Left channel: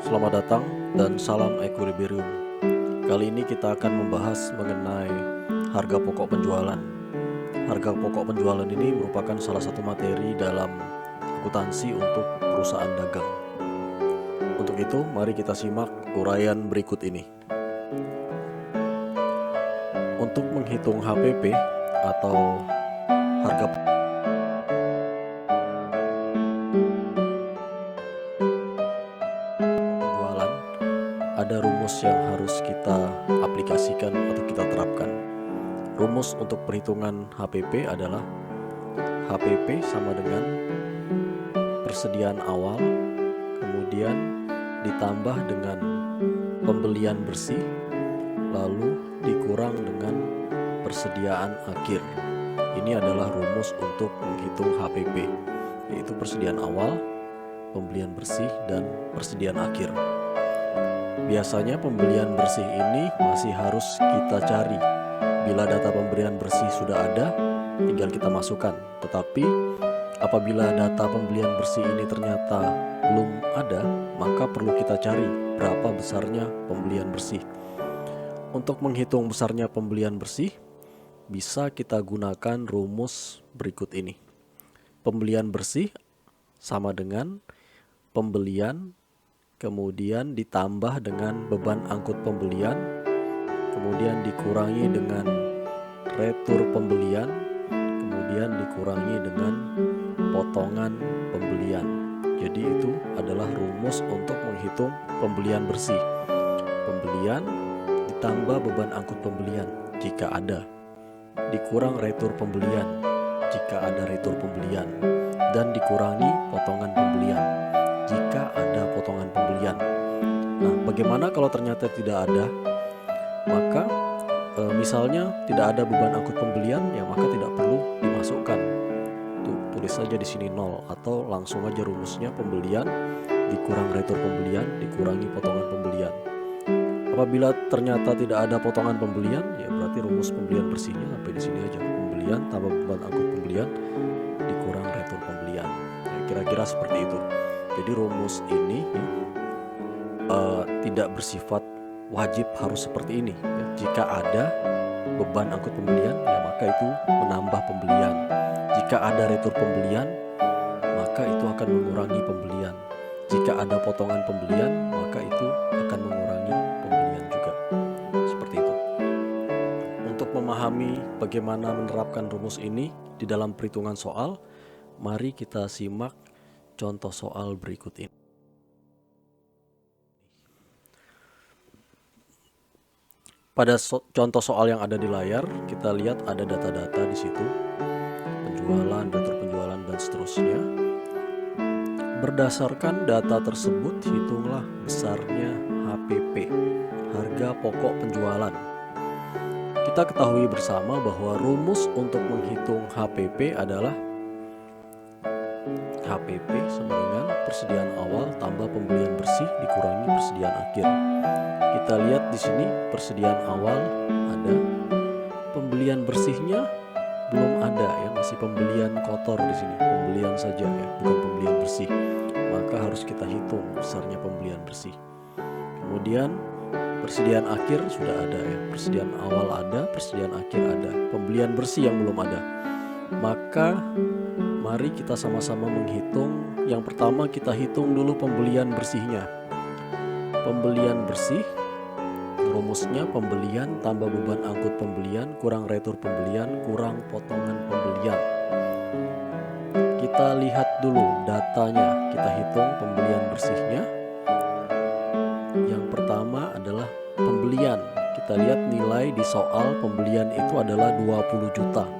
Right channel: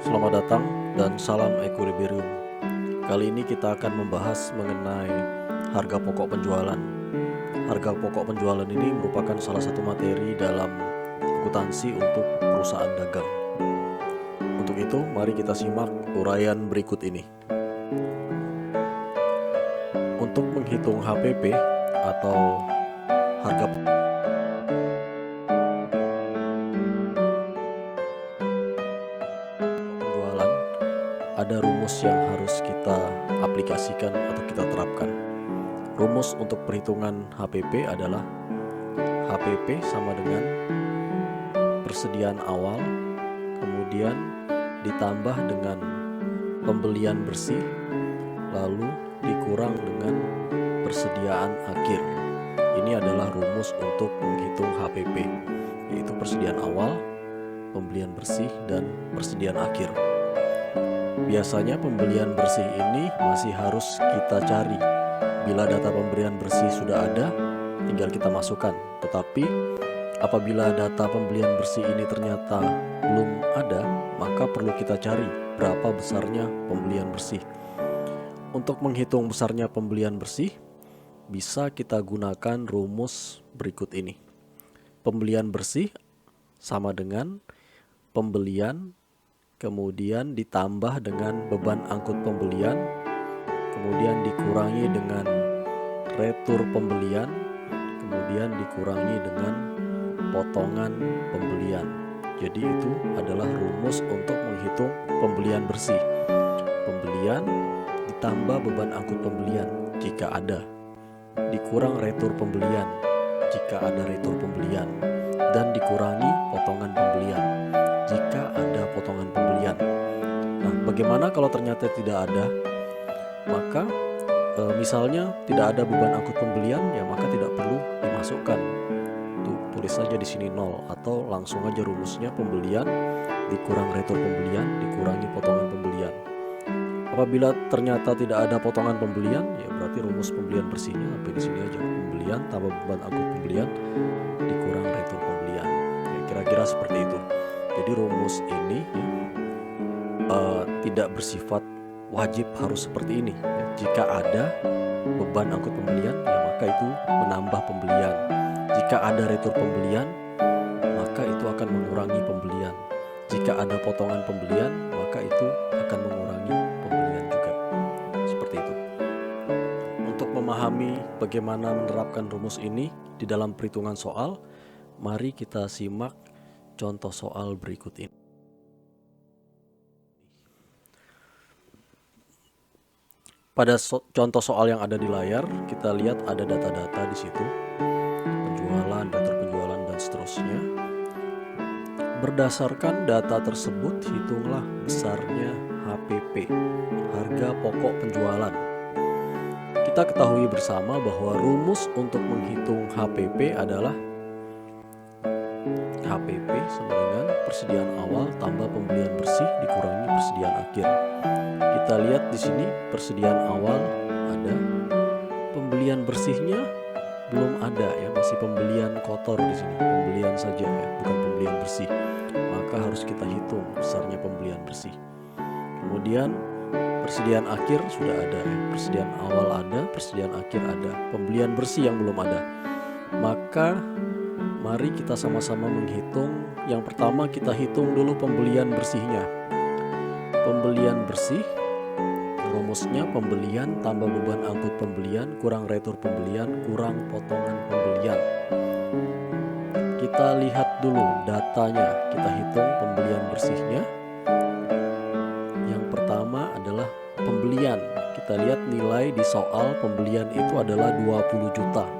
Selamat datang dan salam Equilibrium. Kali ini kita akan membahas mengenai harga pokok penjualan. Harga pokok penjualan ini merupakan salah satu materi dalam akuntansi untuk perusahaan dagang. Untuk itu, mari kita simak uraian berikut ini. Untuk menghitung HPP atau harga penjualan, ada rumus yang harus kita aplikasikan atau kita terapkan. Rumus untuk perhitungan HPP adalah HPP sama dengan persediaan awal, kemudian ditambah dengan pembelian bersih, lalu dikurang dengan persediaan akhir. Ini adalah rumus untuk menghitung HPP, yaitu persediaan awal, pembelian bersih, dan persediaan akhir. Biasanya pembelian bersih ini masih harus kita cari. Bila data pembelian bersih sudah ada, tinggal kita masukkan. Tetapi apabila data pembelian bersih ini ternyata belum ada, maka perlu kita cari berapa besarnya pembelian bersih. Untuk menghitung besarnya pembelian bersih, bisa kita gunakan rumus berikut ini. Pembelian bersih sama dengan pembelian, kemudian ditambah dengan beban angkut pembelian, kemudian dikurangi dengan retur pembelian, kemudian dikurangi dengan potongan pembelian. Jadi itu adalah rumus untuk menghitung pembelian bersih. Pembelian ditambah beban angkut pembelian jika ada, dikurang retur pembelian jika ada retur pembelian, dan dikurangi potongan pembelian jika ada potongan pembelian. Nah, bagaimana kalau ternyata tidak ada? Maka misalnya tidak ada beban angkut pembelian, ya maka tidak perlu dimasukkan. Tulis saja di sini 0, atau langsung aja rumusnya pembelian dikurang retur pembelian dikurangi potongan pembelian. Apabila ternyata tidak ada potongan pembelian, ya berarti rumus pembelian bersihnya sampai di sini aja. Pembelian tambah beban angkut pembelian dikurang retur pembelian. Ya, kira-kira seperti itu. Jadi rumus ini ya, tidak bersifat wajib harus seperti ini. Ya, jika ada beban angkut pembelian, ya maka itu menambah pembelian. Jika ada retur pembelian, maka itu akan mengurangi pembelian. Jika ada potongan pembelian, maka itu akan mengurangi pembelian juga. Seperti itu. Untuk memahami bagaimana menerapkan rumus ini di dalam perhitungan soal, mari kita simak contoh soal berikut ini. Pada contoh soal yang ada di layar, kita lihat ada data-data di situ, penjualan, retur penjualan, dan seterusnya. Berdasarkan data tersebut, hitunglah besarnya HPP, harga pokok penjualan. Kita ketahui bersama bahwa rumus untuk menghitung HPP adalah HPP sama dengan persediaan awal tambah pembelian bersih dikurangi persediaan akhir. Kita lihat di sini persediaan awal ada, pembelian bersihnya belum ada ya, masih pembelian kotor di sini, pembelian saja ya, bukan pembelian bersih. Maka harus kita hitung besarnya pembelian bersih. Kemudian persediaan akhir sudah ada ya, persediaan awal ada, persediaan akhir ada, pembelian bersih yang belum ada. Maka mari kita sama-sama menghitung. Yang pertama kita hitung dulu pembelian bersihnya. Pembelian bersih rumusnya pembelian tambah beban angkut pembelian kurang retur pembelian kurang potongan pembelian. Kita lihat dulu datanya, kita hitung pembelian bersihnya. Yang pertama adalah pembelian. Kita lihat nilai di soal pembelian itu adalah 20 juta.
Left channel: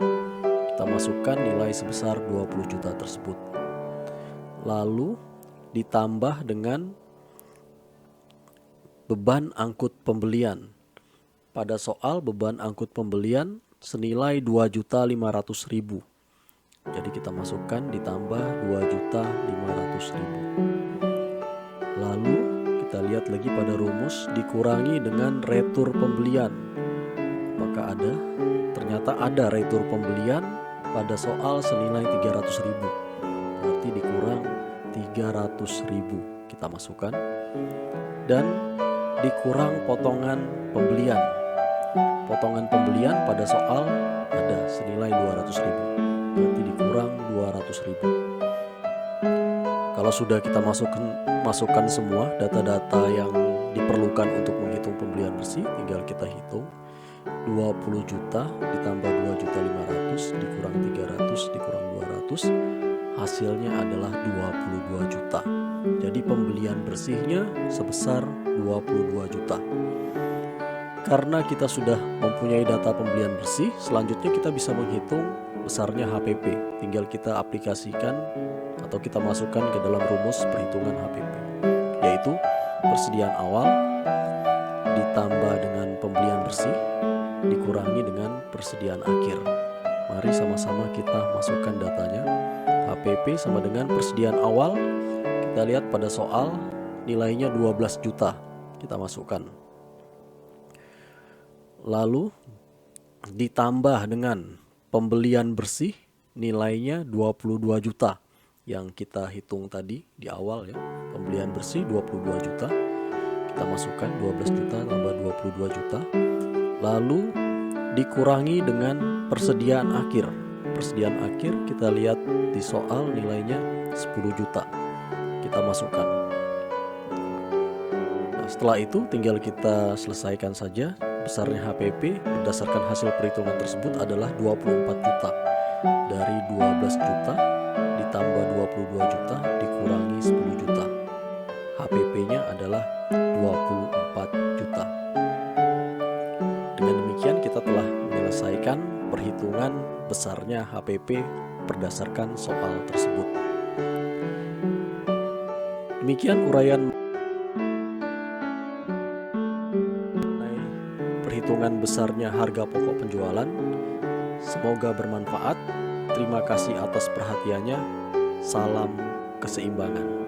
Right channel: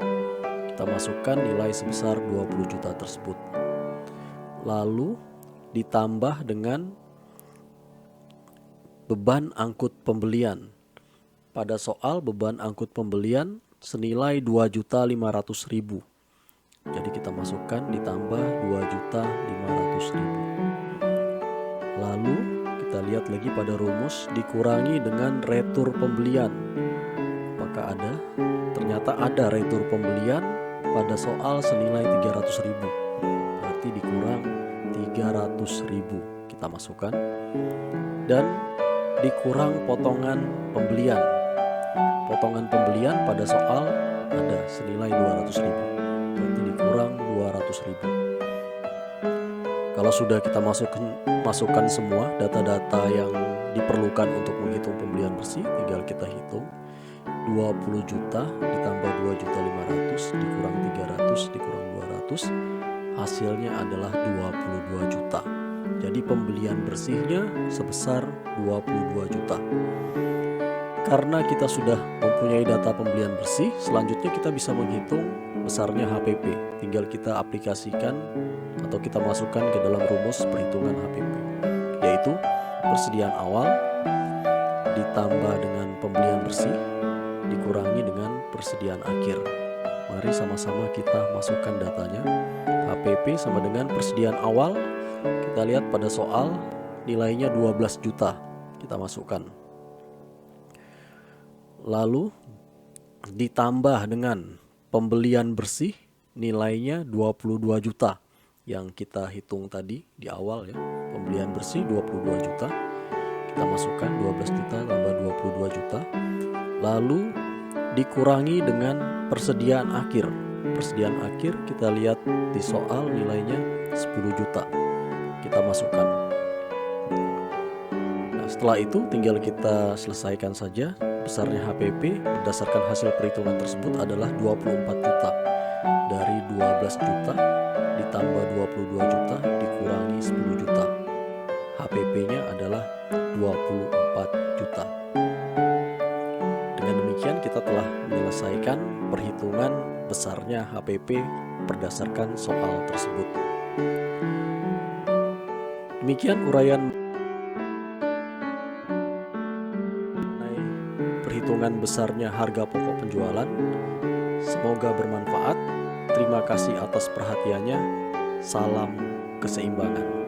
Kita masukkan nilai sebesar 20 juta tersebut. Lalu ditambah dengan beban angkut pembelian. Pada soal beban angkut pembelian senilai 2.500.000. Jadi kita masukkan ditambah 2.500.000. Lalu kita lihat lagi pada rumus dikurangi dengan retur pembelian. Apakah ada? Ternyata ada retur pembelian pada soal senilai 300.000. Berarti dikurang 300.000. Kita masukkan dan dikurang potongan pembelian. Potongan pembelian pada soal ada senilai 200.000, berarti dikurang 200.000. Kalau sudah kita masukkan semua data-data yang diperlukan untuk menghitung pembelian bersih, tinggal kita hitung. 20 juta ditambah 2.500.000 dikurang 300 dikurang 200, hasilnya adalah 22 juta. Jadi pembelian bersihnya sebesar 22 juta. Karena kita sudah mempunyai data pembelian bersih, selanjutnya kita bisa menghitung besarnya HPP. Tinggal kita aplikasikan atau kita masukkan ke dalam rumus perhitungan HPP, yaitu persediaan awal ditambah dengan pembelian bersih dikurangi dengan persediaan akhir. Mari sama-sama kita masukkan datanya. HPP sama dengan persediaan awal. Kita lihat pada soal nilainya 12 juta. Kita masukkan. Lalu ditambah dengan pembelian bersih nilainya 22 juta. Yang kita hitung tadi di awal ya. Pembelian bersih 22 juta. Kita masukkan 12 juta tambah 22 juta. Lalu dikurangi dengan persediaan akhir. Persediaan akhir kita lihat di soal nilainya 10 juta. Kita masukkan. Nah, setelah itu tinggal kita selesaikan saja. Besarnya HPP berdasarkan hasil perhitungan tersebut adalah 24 juta. Dari 12 juta ditambah 22 juta dikurangi 10 juta. HPP-nya adalah 24 juta. Dengan demikian kita telah menyelesaikan perhitungan besarnya HPP berdasarkan soal tersebut. Demikian uraian mengenai perhitungan besarnya harga pokok penjualan. Semoga bermanfaat. Terima kasih atas perhatiannya. Salam keseimbangan.